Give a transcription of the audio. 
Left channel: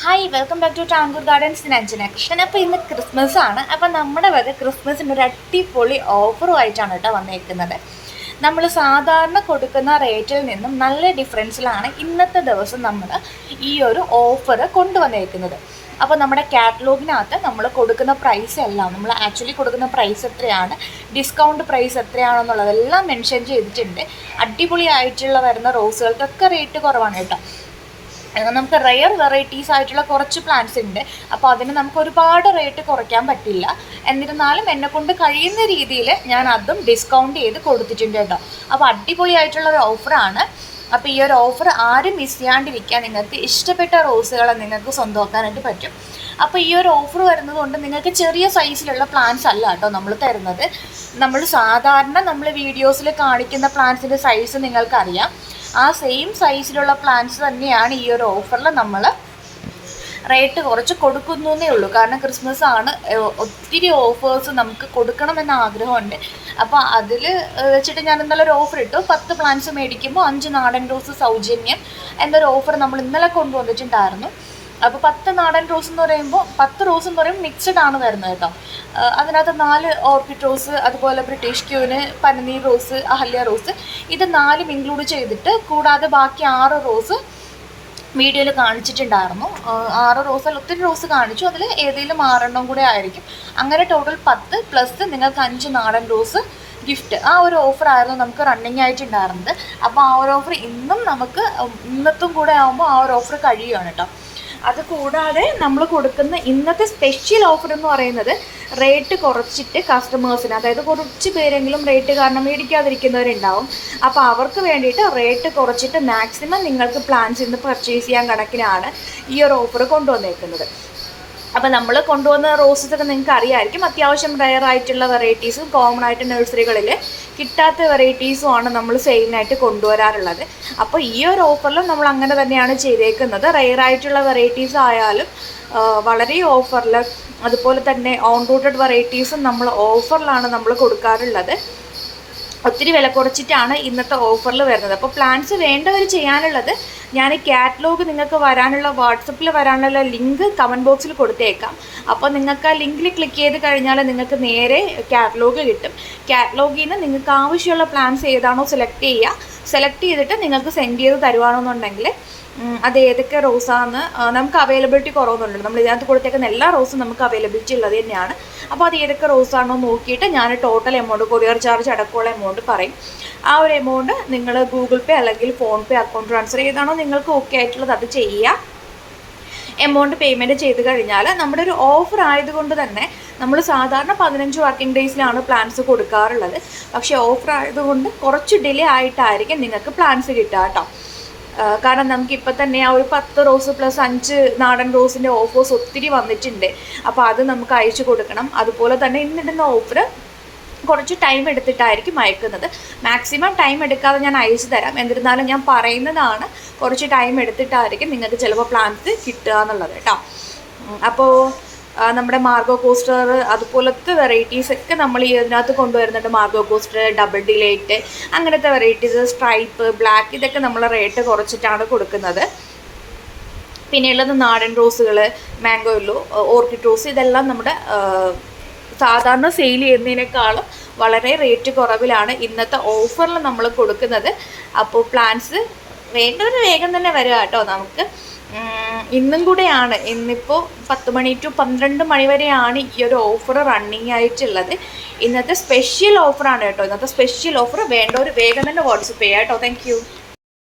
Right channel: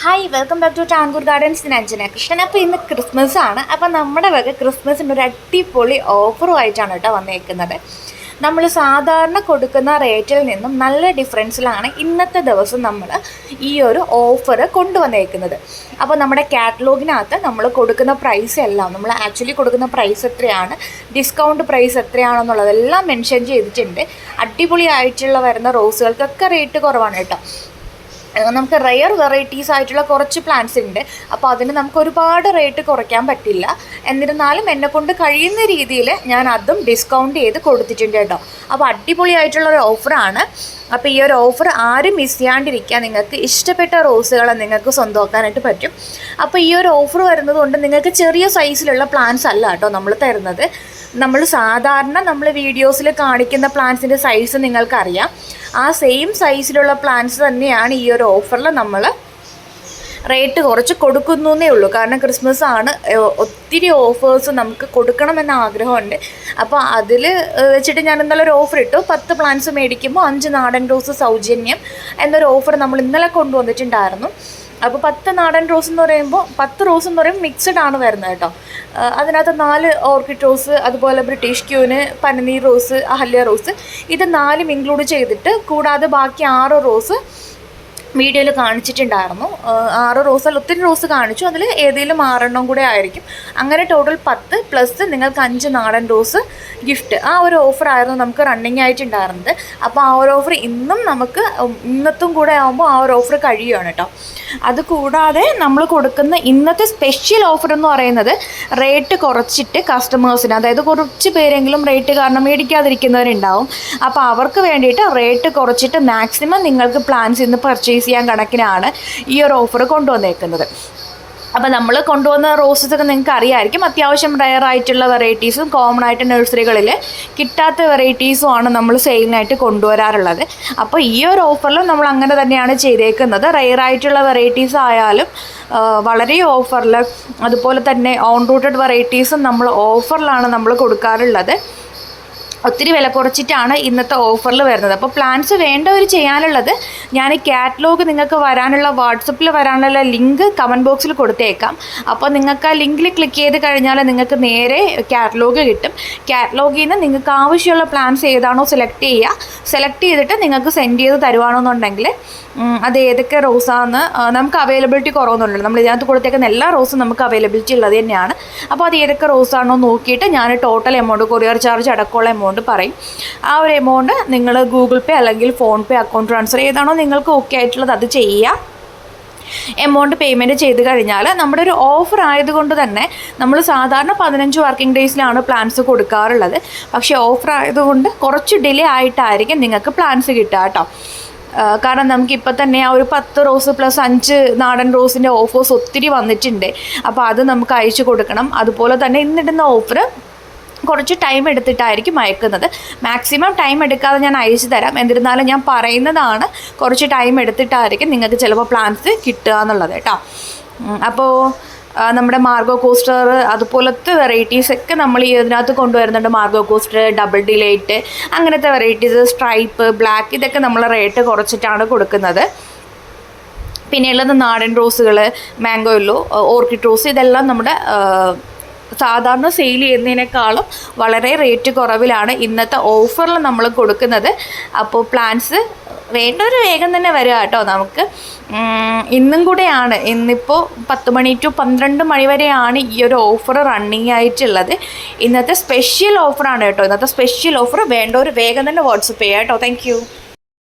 Hi welcome back to Tankoor gardens Anjana Krishnan അപ്പോൾ ഇന്ന് Christmas ആണ്. അപ്പോൾ നമ്മുടെ വക ക്രിസ്മസിന്റെ ഒരു അടിപൊളി ഓഫറുമായിട്ടാണ് കേട്ടോ വന്നേക്കുന്നത്. നമ്മൾ സാധാരണ കൊടുക്കുന്ന റേറ്റിൽ നിന്നും നല്ല ഡിഫറൻസിലാണ് ഇന്നത്തെ ദിവസം നമ്മൾ ഈ ഒരു ഓഫർ കൊണ്ടുവന്നേക്കുന്നത്. അപ്പോൾ നമ്മുടെ കാറ്റലോഗിനകത്ത് നമ്മൾ കൊടുക്കുന്ന പ്രൈസ് എല്ലാം നമ്മൾ ആക്ച്വലി കൊടുക്കുന്ന പ്രൈസ് എത്രയാണ് ഡിസ്കൗണ്ട് പ്രൈസ് എത്രയാണെന്നുള്ളതെല്ലാം മെൻഷൻ ചെയ്തിട്ടുണ്ട്. അടിപൊളിയായിട്ടുള്ള വരുന്ന റോസുകൾക്കൊക്കെ റേറ്റ് കുറവാണ് കേട്ടോ. നമുക്ക് റയർ വെറൈറ്റീസ് ആയിട്ടുള്ള കുറച്ച് പ്ലാന്റ്സ് ഉണ്ട്. അപ്പോൾ അതിന് നമുക്ക് ഒരുപാട് റേറ്റ് കുറയ്ക്കാൻ പറ്റില്ല. എന്നിരുന്നാലും എന്നെ കൊണ്ട് കഴിയുന്ന രീതിയിൽ ഞാൻ അതും ഡിസ്കൗണ്ട് ചെയ്ത് കൊടുത്തിട്ടുണ്ട് കേട്ടോ. അപ്പോൾ അടിപൊളിയായിട്ടുള്ള ഒരു ഓഫറാണ് അപ്പോൾ ഈ ഒരു ഓഫർ ആരും മിസ് ചെയ്യാണ്ടിരിക്കാൻ നിങ്ങൾക്ക് ഇഷ്ടപ്പെട്ട റോസുകളെ നിങ്ങൾക്ക് സ്വന്തമാക്കാനായിട്ട് പറ്റും. അപ്പോൾ ഈ ഒരു ഓഫർ വരുന്നത് കൊണ്ട് നിങ്ങൾക്ക് ചെറിയ സൈസിലുള്ള പ്ലാന്റ്സ് അല്ല കേട്ടോ നമ്മൾ തരുന്നത്. നമ്മൾ സാധാരണ നമ്മൾ വീഡിയോസിൽ കാണിക്കുന്ന പ്ലാന്റ്സിന്റെ സൈസ് നിങ്ങൾക്കറിയാം ആ സെയിം സൈസിലുള്ള പ്ലാന്റ്സ് തന്നെയാണ് ഈ ഒരു ഓഫറിൽ നമ്മൾ റേറ്റ് കുറച്ച് കൊടുക്കുന്നു എന്നേ ഉള്ളൂ. കാരണം ക്രിസ്മസ് ആണ് ഒത്തിരി ഓഫേഴ്സ് നമുക്ക് കൊടുക്കണമെന്ന ആഗ്രഹമുണ്ട്. അപ്പോൾ അതിൽ വെച്ചിട്ട് ഞാൻ ഇന്നലെ ഒരു ഓഫർ ഇട്ടു. പത്ത് പ്ലാന്റ്സ് മേടിക്കുമ്പോൾ അഞ്ച് നാടൻ റോസ് സൗജന്യം എന്നൊരു ഓഫർ നമ്മൾ ഇന്നലെ കൊണ്ടുവന്നിട്ടുണ്ടായിരുന്നു. അപ്പോൾ പത്ത് നാടൻ റോസ് എന്ന് പറയുമ്പോൾ പത്ത് റോസ് എന്ന് പറയുമ്പോൾ മിക്സഡ് ആണ് വരുന്നത് കേട്ടോ. അതിനകത്ത് നാല് ഓർക്കിഡ് റോസ് അതുപോലെ ബ്രിട്ടീഷ് ക്യൂന് പനനീർ റോസ് അഹല്യ റോസ് ഇത് നാലും ഇൻക്ലൂഡ് ചെയ്തിട്ട് കൂടാതെ ബാക്കി ആറ് റോസ് വീഡിയോയിൽ കാണിച്ചിട്ടുണ്ടായിരുന്നു. ആറ് റോസ് അല്ല ഒത്തിരി റോസ് കാണിച്ചു. അതിൽ ഏതെങ്കിലും ആറെണ്ണം കൂടെ ആയിരിക്കും. അങ്ങനെ ടോട്ടൽ പത്ത് പ്ലസ് നിങ്ങൾക്ക് അഞ്ച് നാടൻ റോസ് ഗിഫ്റ്റ് ആ ഒരു ഓഫർ ആയിരുന്നു നമുക്ക് റണ്ണിങ് ആയിട്ടുണ്ടായിരുന്നത്. അപ്പോൾ ആ ഒരു ഓഫർ ഇന്നും നമുക്ക് ഇന്നത്തും കൂടെ ആകുമ്പോൾ ആ ഒരു ഓഫർ കഴിയുകയാണ് കേട്ടോ അത് കൂടാതെ നമ്മൾ കൊടുക്കുന്ന ഇന്നത്തെ സ്പെഷ്യൽ ഓഫർ എന്ന് പറയുന്നത് റേറ്റ് കുറച്ചിട്ട് കസ്റ്റമേഴ്സിന് അതായത് കുറച്ച് പേരെങ്കിലും റേറ്റ് കാരണം മേടിക്കാതിരിക്കുന്നവരുണ്ടാവും. അപ്പോൾ അവർക്ക് വേണ്ടിയിട്ട് റേറ്റ് കുറച്ചിട്ട് മാക്സിമം നിങ്ങൾക്ക് പ്ലാൻസ് ഇന്ന് പർച്ചേസ് ചെയ്യാൻ കണക്കിനാണ് ഈ ഒരു ഓഫർ കൊണ്ടുവന്നേക്കുന്നത്. അപ്പോൾ നമ്മൾ കൊണ്ടുവന്ന റോസസ് ഒക്കെ നിങ്ങൾക്ക് അറിയാമായിരിക്കും അത്യാവശ്യം റയർ ആയിട്ടുള്ള വെറൈറ്റീസും കോമൺ ആയിട്ട് നഴ്സറികളിൽ കിട്ടാത്ത വെറൈറ്റീസും ആണ് നമ്മൾ സെയിലിനായിട്ട് കൊണ്ടുവരാറുള്ളത്. അപ്പോൾ ഈ ഒരു ഓഫറിൽ നമ്മൾ അങ്ങനെ തന്നെയാണ് ചെയ്തേക്കുന്നത്. റയർ ആയിട്ടുള്ള വെറൈറ്റീസ് ആയാലും വളരെ ഓഫറിൽ അതുപോലെ തന്നെ ഓൺ റൂട്ടഡ് വെറൈറ്റീസും നമ്മൾ ഓഫറിലാണ് നമ്മൾ കൊടുക്കാറുള്ളത്. ഒത്തിരി വില കുറച്ചിട്ടാണ് ഇന്നത്തെ ഓഫറിൽ വരുന്നത്. അപ്പോൾ പ്ലാൻസ് വേണ്ടവർ ചെയ്യാനുള്ളത് ഞാൻ കാറ്റലോഗ് നിങ്ങൾക്ക് വരാനുള്ള വാട്സപ്പിൽ വരാനുള്ള ലിങ്ക് കമന്റ് ബോക്സിൽ കൊടുത്തേക്കാം. അപ്പോൾ നിങ്ങൾക്ക് ആ ലിങ്കിൽ ക്ലിക്ക് ചെയ്ത് കഴിഞ്ഞാൽ നിങ്ങൾക്ക് നേരെ കാറ്റലോഗ് കിട്ടും. കാറ്റലോഗിൽ നിന്ന് നിങ്ങൾക്ക് ആവശ്യമുള്ള പ്ലാൻസ് ഏതാണോ സെലക്ട് ചെയ്യുക സെലക്ട് ചെയ്തിട്ട് നിങ്ങൾക്ക് സെൻഡ് ചെയ്ത് തരുവാണെന്നുണ്ടെങ്കിൽ അത് ഏതൊക്കെ റോസാന്ന് നമുക്ക് അവൈലബിലിറ്റി കുറവൊന്നുമില്ല നമ്മൾ ഇതിനകത്ത് കൊടുത്തേക്കുന്ന എല്ലാ റോസും നമുക്ക് അവൈലബിലിറ്റി ഉള്ളത് തന്നെയാണ്. അപ്പോൾ അത് ഏതൊക്കെ റോസാണോ നോക്കിയിട്ട് ഞാൻ ടോട്ടൽ എമൗണ്ട് കൊറിയർ ചാർജ് അടക്കമുള്ള എമൗണ്ട് പറയും. ആ ഒരു എമൗണ്ട് നിങ്ങൾ ഗൂഗിൾ പേ അല്ലെങ്കിൽ ഫോൺ പേ അക്കൗണ്ട് ട്രാൻസ്ഫർ ചെയ്താണോ നിങ്ങൾക്ക് ഓക്കെ ആയിട്ടുള്ളത് അത് ചെയ്യുക എമൗണ്ട് പേയ്മെന്റ് ചെയ്ത് കഴിഞ്ഞാൽ നമ്മുടെ ഒരു ഓഫർ ആയതുകൊണ്ട് തന്നെ നമ്മൾ സാധാരണ പതിനഞ്ച് വർക്കിംഗ് ഡേയ്സിലാണ് പ്ലാൻസ് കൊടുക്കാറുള്ളത്. പക്ഷേ ഓഫർ ആയതുകൊണ്ട് കുറച്ച് ഡിലേ ആയിട്ടായിരിക്കും നിങ്ങൾക്ക് പ്ലാൻസ് കിട്ടുക കേട്ടോ. കാരണം നമുക്കിപ്പോൾ തന്നെ ആ ഒരു പത്ത് റോസ് പ്ലസ് അഞ്ച് നാടൻ റോസിന്റെ ഓഫേഴ്സ് ഒത്തിരി വന്നിട്ടുണ്ട്. അപ്പോൾ അത് നമുക്ക് അയച്ചു കൊടുക്കണം. അതുപോലെ തന്നെ ഇന്നിടുന്ന ഓഫർ കുറച്ച് ടൈം എടുത്തിട്ടായിരിക്കും അയക്കുന്നത്. മാക്സിമം ടൈം എടുക്കാതെ ഞാൻ അയച്ചു തരാം. എന്നിരുന്നാലും ഞാൻ പറയുന്നതാണ് കുറച്ച് ടൈം എടുത്തിട്ടായിരിക്കും നിങ്ങൾക്ക് ചിലപ്പോൾ പ്ലാൻസ് കിട്ടുക എന്നുള്ളത് കേട്ടോ. അപ്പോൾ നമ്മുടെ മാർഗോ കോസ്റ്റർ അതുപോലത്തെ വെറൈറ്റീസ് ഒക്കെ നമ്മൾ ഈ ഇതിനകത്ത് കൊണ്ടുവരുന്നുണ്ട്. മാർഗോ കോസ്റ്റർ ഡബിൾ ഡിലൈറ്റ് അങ്ങനത്തെ വെറൈറ്റീസ് സ്ട്രൈപ്പ് ബ്ലാക്ക് ഇതൊക്കെ നമ്മൾ റേറ്റ് കുറച്ചിട്ടാണ് കൊടുക്കുന്നത്. പിന്നെയുള്ളത് നാടൻ റോസുകൾ മാംഗോ ഓർക്കിഡ് റോസ് ഇതെല്ലാം നമ്മുടെ സാധാരണ സെയിൽ ചെയ്യുന്നതിനേക്കാളും വളരെ റേറ്റ് കുറവിലാണ് ഇന്നത്തെ ഓഫറിൽ നമ്മൾ കൊടുക്കുന്നത്. അപ്പോൾ പ്ലാൻസ് വേണ്ടവർ വേഗം തന്നെ വരിക കേട്ടോ നമുക്ക്. ഇന്നും കൂടെയാണ്. ഇന്നിപ്പോൾ പത്ത് മണി ടു പന്ത്രണ്ട് മണി വരെയാണ് ഈ ഒരു ഓഫർ റണ്ണിങ് ആയിട്ടുള്ളത്. ഇന്നത്തെ സ്പെഷ്യൽ ഓഫറാണ് കേട്ടോ. ഇന്നത്തെ സ്പെഷ്യൽ ഓഫർ വേണ്ടവർ വേഗം തന്നെ വാട്സപ്പ് ചെയ്യാം കേട്ടോ. താങ്ക്